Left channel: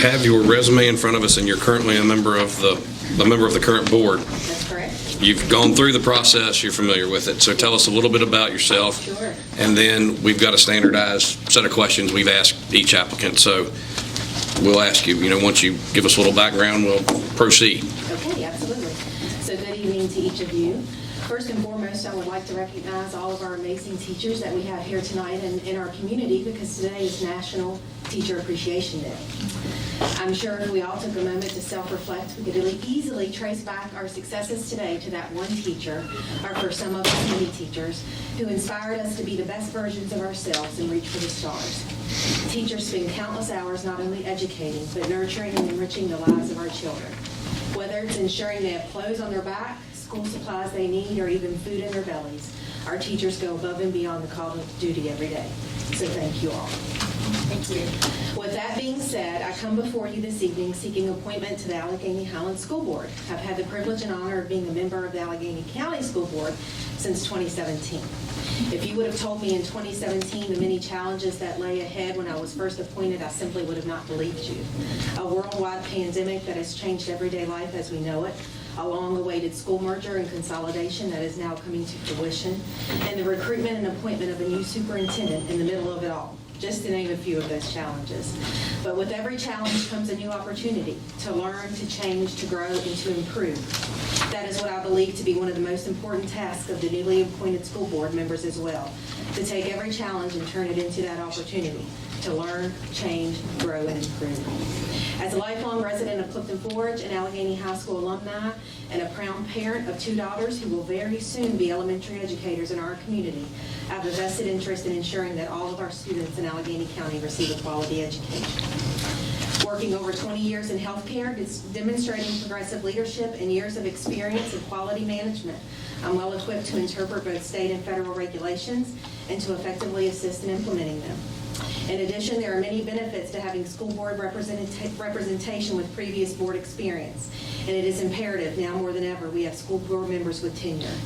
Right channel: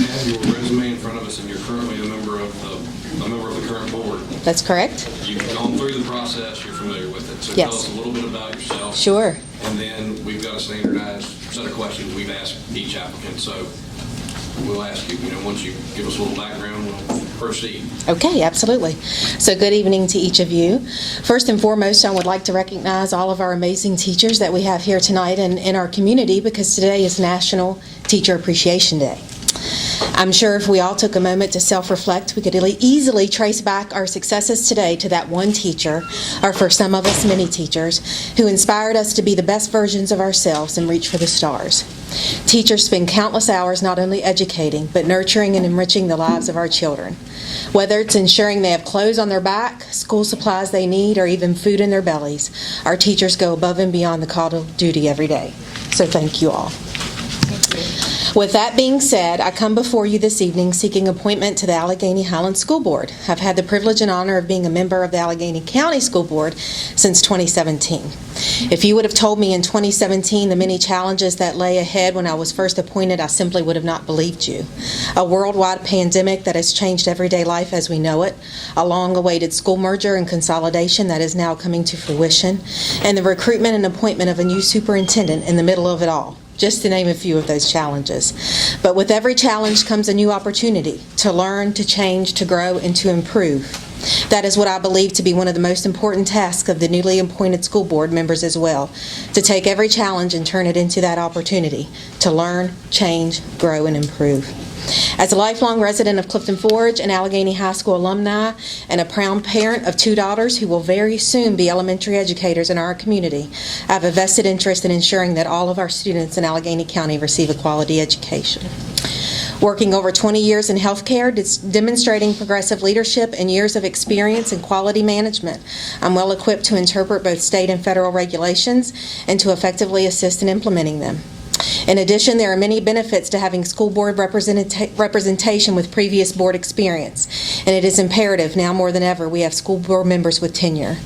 have your resume in front of us, and you're currently a member of the current board. That's correct. You've gone through the process. You're familiar with it. So tell us a little bit about yourself. Sure. And then we've got a standardized set of questions we've asked each applicant. So we'll ask you, once you give us a little background, we'll proceed. Okay, absolutely. So good evening to each of you. First and foremost, I would like to recognize all of our amazing teachers that we have here tonight and in our community, because today is National Teacher Appreciation Day. I'm sure if we all took a moment to self-reflect, we could easily trace back our successes today to that one teacher, or for some of us, many teachers, who inspired us to be the best versions of ourselves and reach for the stars. Teachers spend countless hours not only educating, but nurturing and enriching the lives of our children. Whether it's ensuring they have clothes on their back, school supplies they need, or even food in their bellies, our teachers go above and beyond the call of duty every day. So thank you all. Thank you. With that being said, I come before you this evening seeking appointment to the Alleghany Highlands School Board. I've had the privilege and honor of being a member of the Alleghany County School Board since 2017. If you would have told me in 2017 the many challenges that lay ahead when I was first appointed, I simply would have not believed you. A worldwide pandemic that has changed everyday life as we know it, a long-awaited school merger and consolidation that is now coming to fruition, and the recruitment and appointment of a new superintendent in the middle of it all. Just to name a few of those challenges. But with every challenge comes a new opportunity to learn, to change, to grow, and to improve. That is what I believe to be one of the most important tasks of the newly appointed school board members as well, to take every challenge and turn it into that opportunity to learn, change, grow, and improve. As a lifelong resident of Clifton Forge, an Alleghany High School alumni, and a proud parent of 2 daughters who will very soon be elementary educators in our community, I have a vested interest in ensuring that all of our students in Alleghany County receive a quality education. Working over 20 years in healthcare, demonstrating progressive leadership and years of experience in quality management, I'm well equipped to interpret both state and federal regulations and to effectively assist in implementing them. In addition, there are many benefits to having school board representation with previous board experience, and it is imperative now more than ever we have school board members with tenure.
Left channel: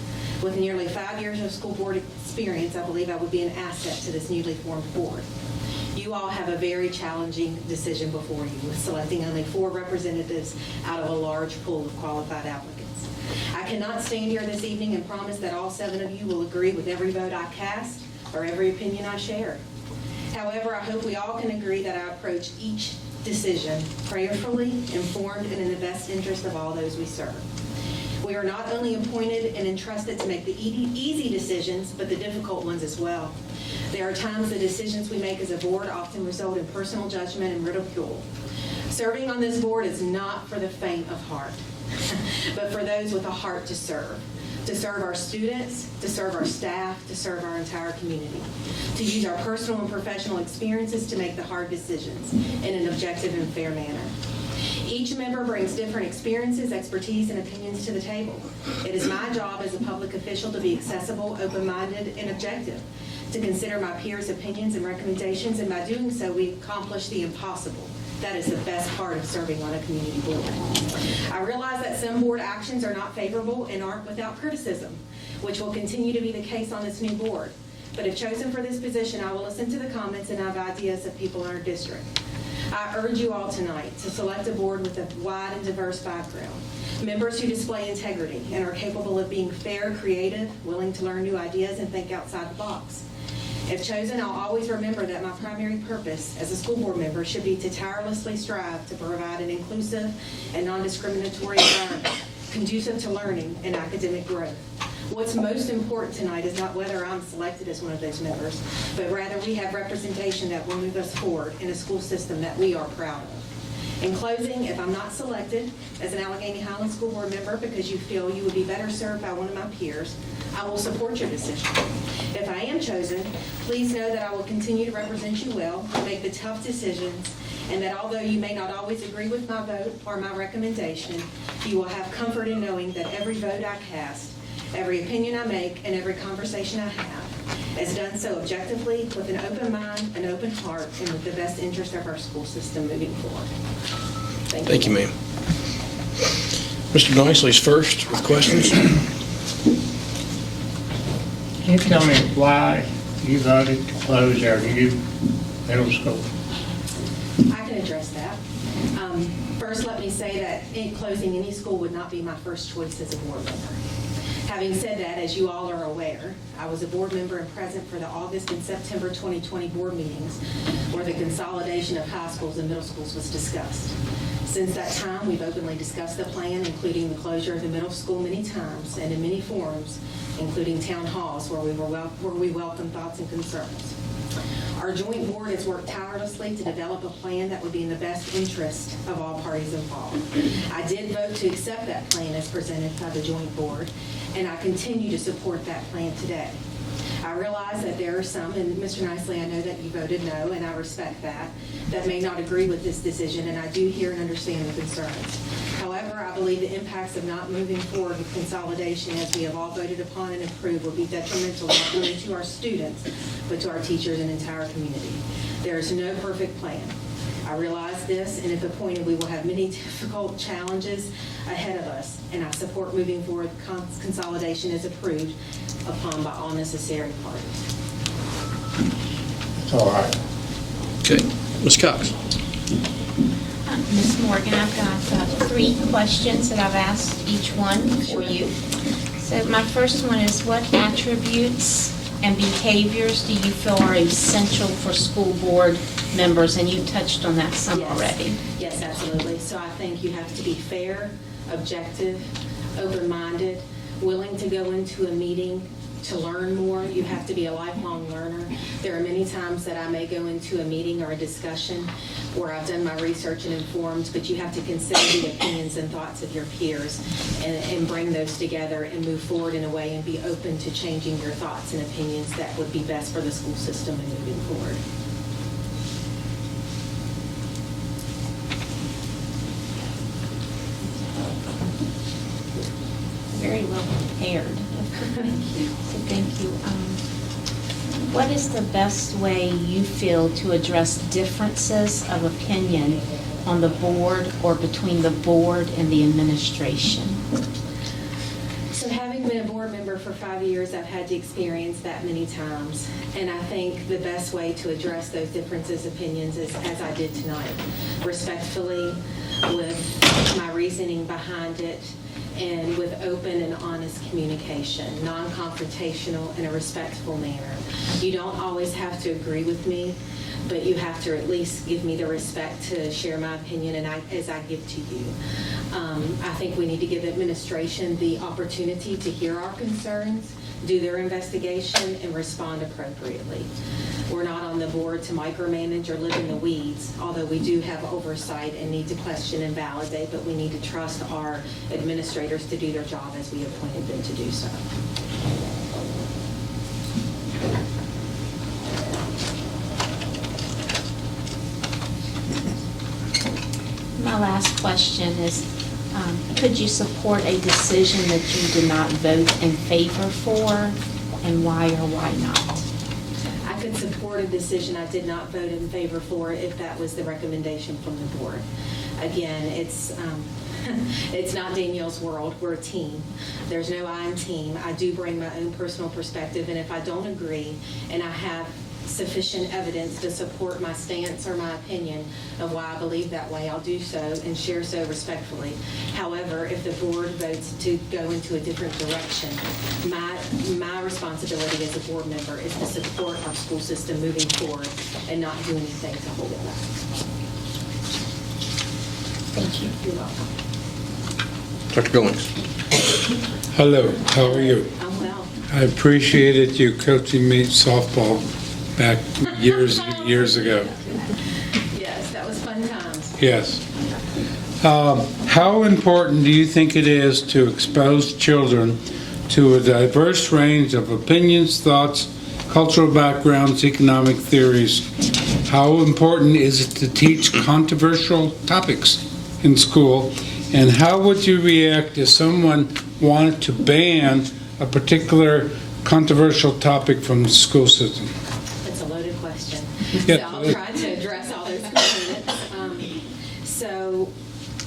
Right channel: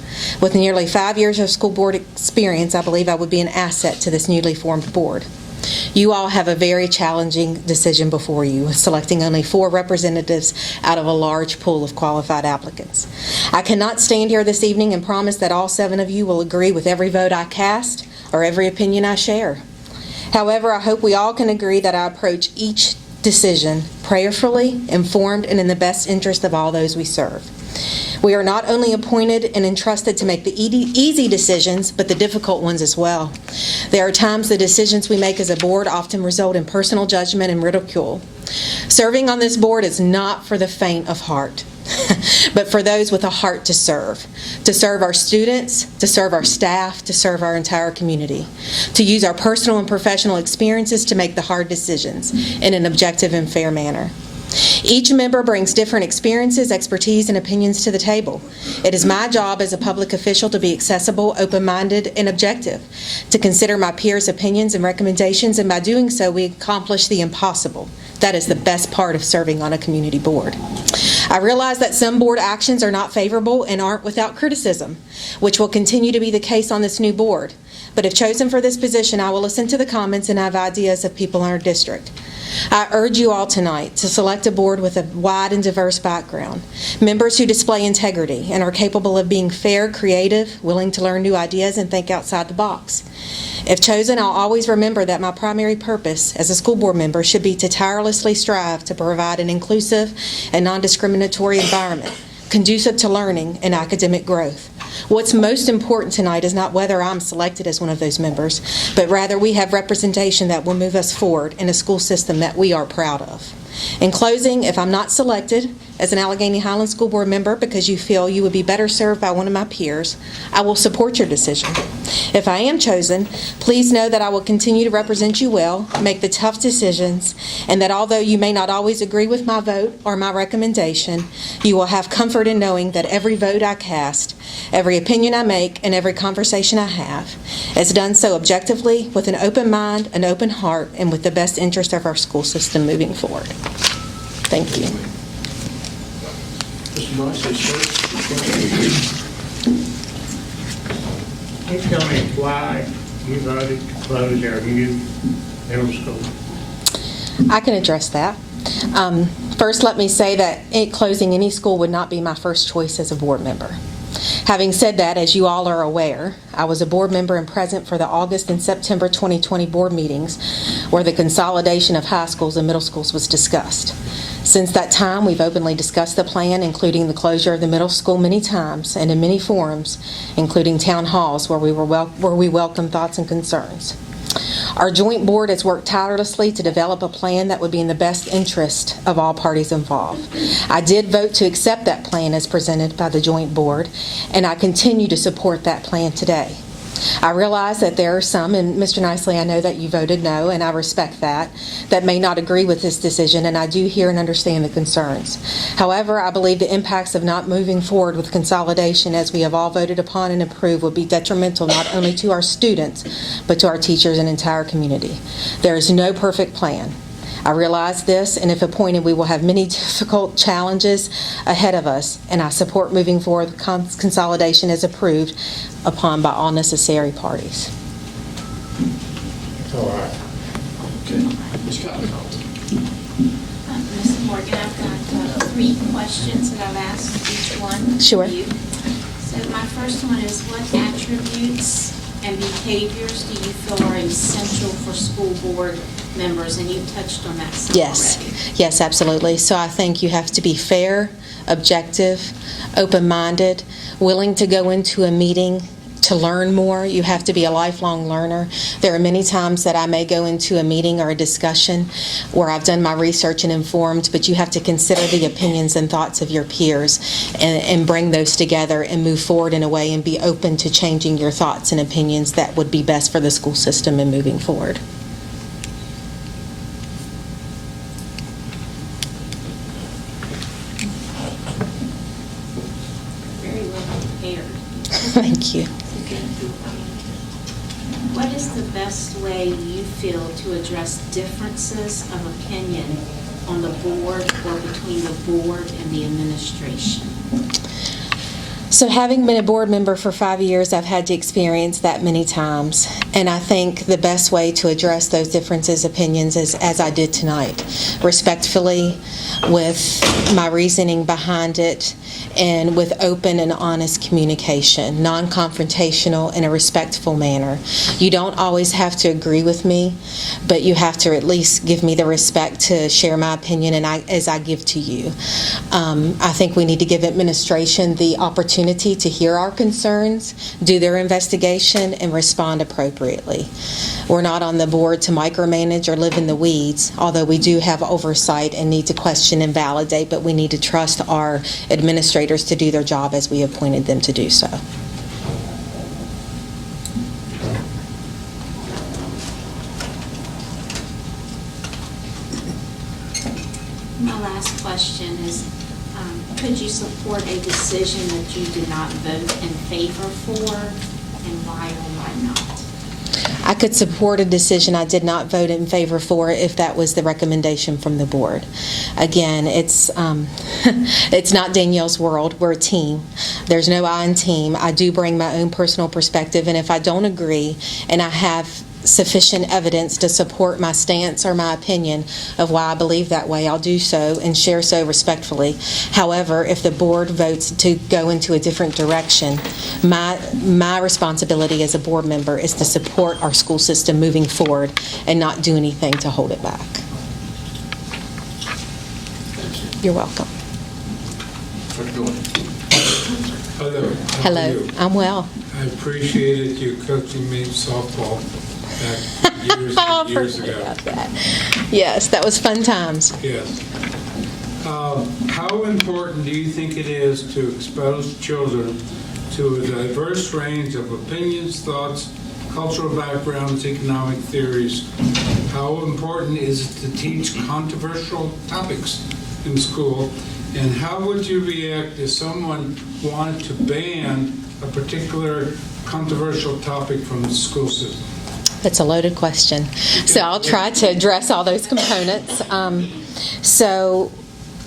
With nearly 5 years of school board experience, I believe I would be an asset to this newly formed board. You all have a very challenging decision before you, selecting only 4 representatives out of a large pool of qualified applicants. I cannot stand here this evening and promise that all 7 of you will agree with every vote I cast or every opinion I share. However, I hope we all can agree that I approach each decision prayerfully, informed, and in the best interest of all those we serve. We are not only appointed and entrusted to make the easy decisions, but the difficult ones as well. There are times the decisions we make as a board often result in personal judgment and ridicule. Serving on this board is not for the faint of heart, but for those with a heart to serve our students, to serve our staff, to serve our entire community, to use our personal and professional experiences to make the hard decisions in an objective and fair manner. Each member brings different experiences, expertise, and opinions to the table. It is my job as a public official to be accessible, open-minded, and objective, to consider my peers' opinions and recommendations, and by doing so, we accomplish the impossible. That is the best part of serving on a community board. I realize that some board actions are not favorable and aren't without criticism, which will continue to be the case on this new board. But if chosen for this position, I will listen to the comments and have ideas of people in our district. I urge you all tonight to select a board with a wide and diverse background, members who display integrity and are capable of being fair, creative, willing to learn new ideas, and think outside the box. If chosen, I'll always remember that my primary purpose as a school board member should be to tirelessly strive to provide an inclusive and non-discriminatory environment conducive to learning and academic growth. What's most important tonight is not whether I'm selected as one of those members, but rather we have representation that will move us forward in a school system that we are proud of. In closing, if I'm not selected as an Alleghany Highlands School Board member because you feel you would be better served by one of my peers, I will support your decision. If I am chosen, please know that I will continue to represent you well, make the tough decisions, and that although you may not always agree with my vote or my recommendation, you will have comfort in knowing that every vote I cast, every opinion I make, and every conversation I have is done so objectively, with an open mind, an open heart, and with the best interest of our school system moving forward. Thank you. Thank you, ma'am. Mr. Nicely's first with questions. Can you tell me why you voted to close our new middle school? I can address that. First, let me say that closing any school would not be my first choice as a board member. Having said that, as you all are aware, I was a board member and present for the August and September 2020 board meetings where the consolidation of high schools and middle schools was discussed. Since that time, we've openly discussed the plan, including the closure of the middle school many times and in many forums, including town halls where we welcome thoughts and concerns. Our joint board has worked tirelessly to develop a plan that would be in the best interest of all parties involved. I did vote to accept that plan as presented by the joint board, and I continue to support that plan today. I realize that there are some, and Mr. Nicely, I know that you voted no, and I respect that may not agree with this decision, and I do hear and understand the concerns. However, I believe the impacts of not moving forward with consolidation, as we have all voted upon and approved, would be detrimental not only to our students, but to our teachers and entire community. There is no perfect plan. I realize this, and if appointed, we will have many difficult challenges ahead of us, and I support moving forward with consolidation as approved upon by all necessary parties. It's all right. Okay. Ms. Cox? Ms. Morgan, I've got 3 questions that I've asked each one Sure. of you. So my first one is, what attributes and behaviors do you feel are essential for school board members? And you touched on that some already. Yes, absolutely. So I think you have to be fair, objective, open-minded, willing to go into a meeting to learn more. You have to be a lifelong learner. There are many times that I may go into a meeting or a discussion where I've done my research and informed, but you have to consider the opinions and thoughts of your peers and bring those together and move forward in a way and be open to changing your thoughts and opinions that would be best for the school system and moving forward. Very well prepared. Thank you. Thank you. What is the best way you feel to address differences of opinion on the board or between the board and the administration? So having been a board member for 5 years, I've had to experience that many times. And I think the best way to address those differences of opinions is as I did tonight, respectfully, with my reasoning behind it, and with open and honest communication, non-confrontational in a respectful manner. You don't always have to agree with me, but you have to at least give me the respect to share my opinion as I give to you. I think we need to give administration the opportunity to hear our concerns, do their investigation, and respond appropriately. We're not on the board to micromanage or live in the weeds, although we do have oversight and need to question and validate, but we need to trust our administrators to do their job as we appointed them to do so. My last question is, could you support a decision that you did not vote in favor for, and why or why not? I could support a decision I did not vote in favor for if that was the recommendation from the board. Again, it's not Danielle's world. We're a team. There's no I in team. I do bring my own personal perspective, and if I don't agree and I have sufficient evidence to support my stance or my opinion of why I believe that way, I'll do so and share so respectfully. However, if the board votes to go into a different direction, my responsibility as a board member is to support our school system moving forward and not do anything to hold it back. Thank you. You're welcome. Dr. Goins? Hello, how Hello. are you? I'm well. I appreciated you coaching me softball back years and years ago. Yes, that was fun times. Yes. How important do you think it is to expose children to a diverse range of opinions, thoughts, cultural backgrounds, economic theories? How important is it to teach controversial topics in school? And how would you react if someone wanted to ban a particular controversial topic from the school system? That's a loaded question. So I'll try to address all those components.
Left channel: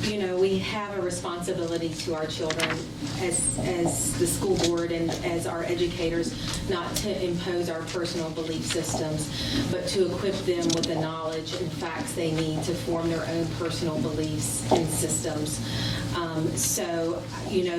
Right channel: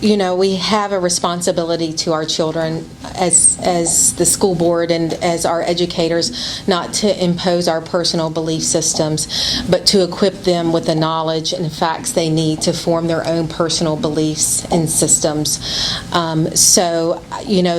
We have a responsibility to our children as the school board and as our educators, not to impose our personal belief systems, but to equip them with the knowledge and facts they need to form their own personal beliefs and systems. So,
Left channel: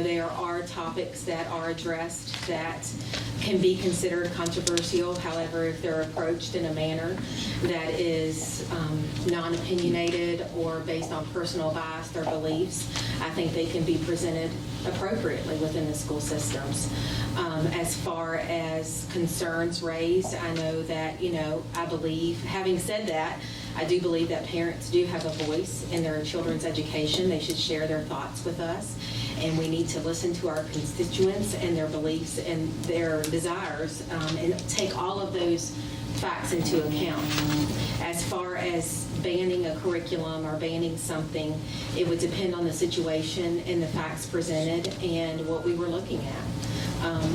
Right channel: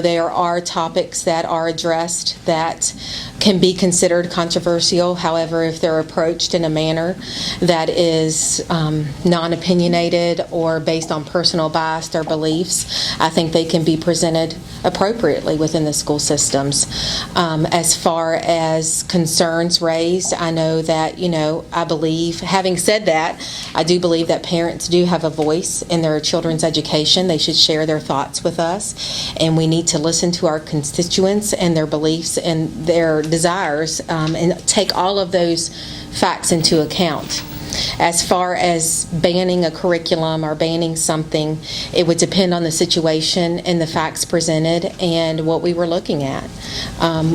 there are topics that are addressed that can be considered controversial. However, if they're approached in a manner that is non-opinionated or based on personal bias or beliefs, I think they can be presented appropriately within the school systems. As far as concerns raised, I know that, I believe, having said that, I do believe that parents do have a voice in their children's education. They should share their thoughts with us, and we need to listen to our constituents and their beliefs and their desires, and take all of those facts into account. As far as banning a curriculum or banning something, it would depend on the situation and the facts presented and what we were looking at,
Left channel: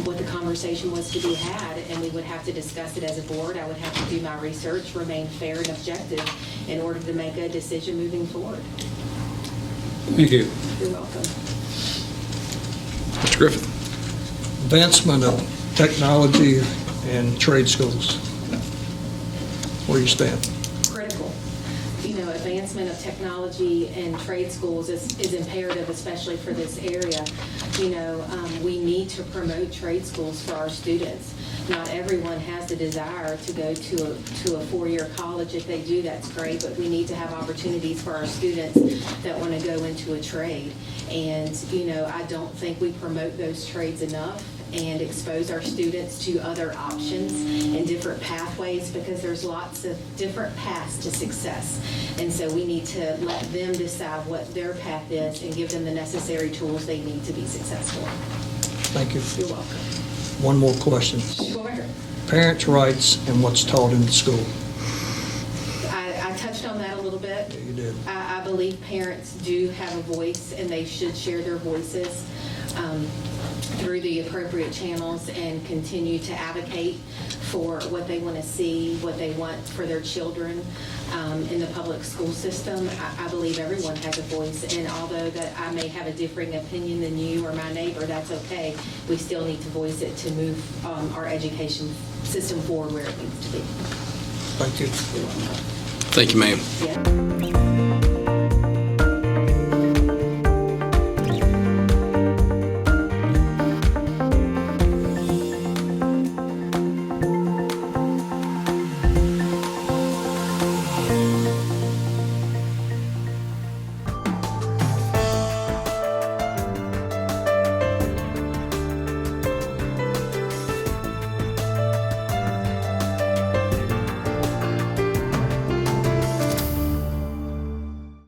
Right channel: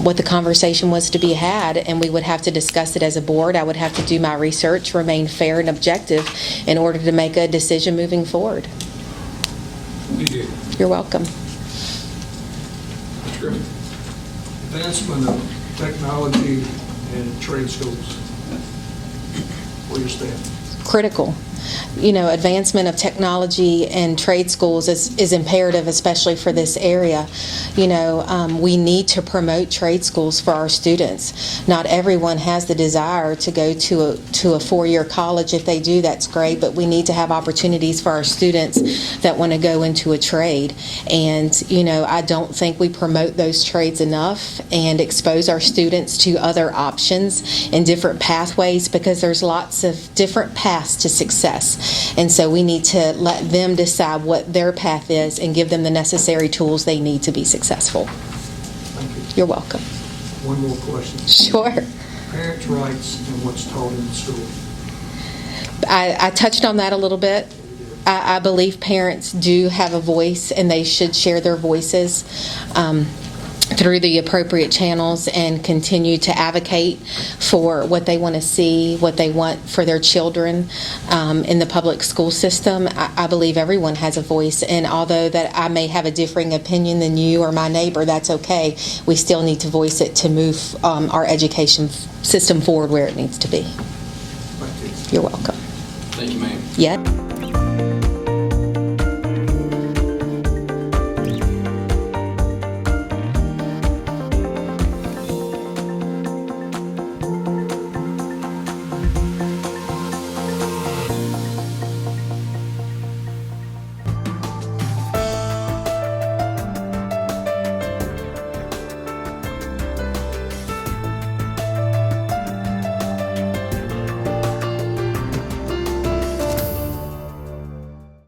what the conversation was to be had, and we would have to discuss it as a board. I would have to do my research, remain fair and objective in order to make a decision moving forward. Thank you. You're welcome. Mr. Griffin? Advancement of technology in trade schools. Where do you stand? Critical. Advancement of technology and trade schools is imperative, especially for this area. We need to promote trade schools for our students. Not everyone has the desire to go to a four-year college. If they do, that's great, but we need to have opportunities for our students that want to go into a trade. And, I don't think we promote those trades enough and expose our students to other options and different pathways, because there's lots of different paths to success. And so we need to let them decide what their path is and give them the necessary tools they need to be successful. Thank you. You're welcome. One more question. Sure. Parents' rights and what's taught in school. I touched on that a little bit. You did. I believe parents do have a voice, and they should share their voices through the appropriate channels and continue to advocate for what they want to see, what they want for their children in the public school system. I believe everyone has a voice, and although that I may have a differing opinion than you or my neighbor, that's okay. We still need to voice it to move our education system forward where it needs to be. Thank you. You're welcome. Thank you, ma'am. Yeah.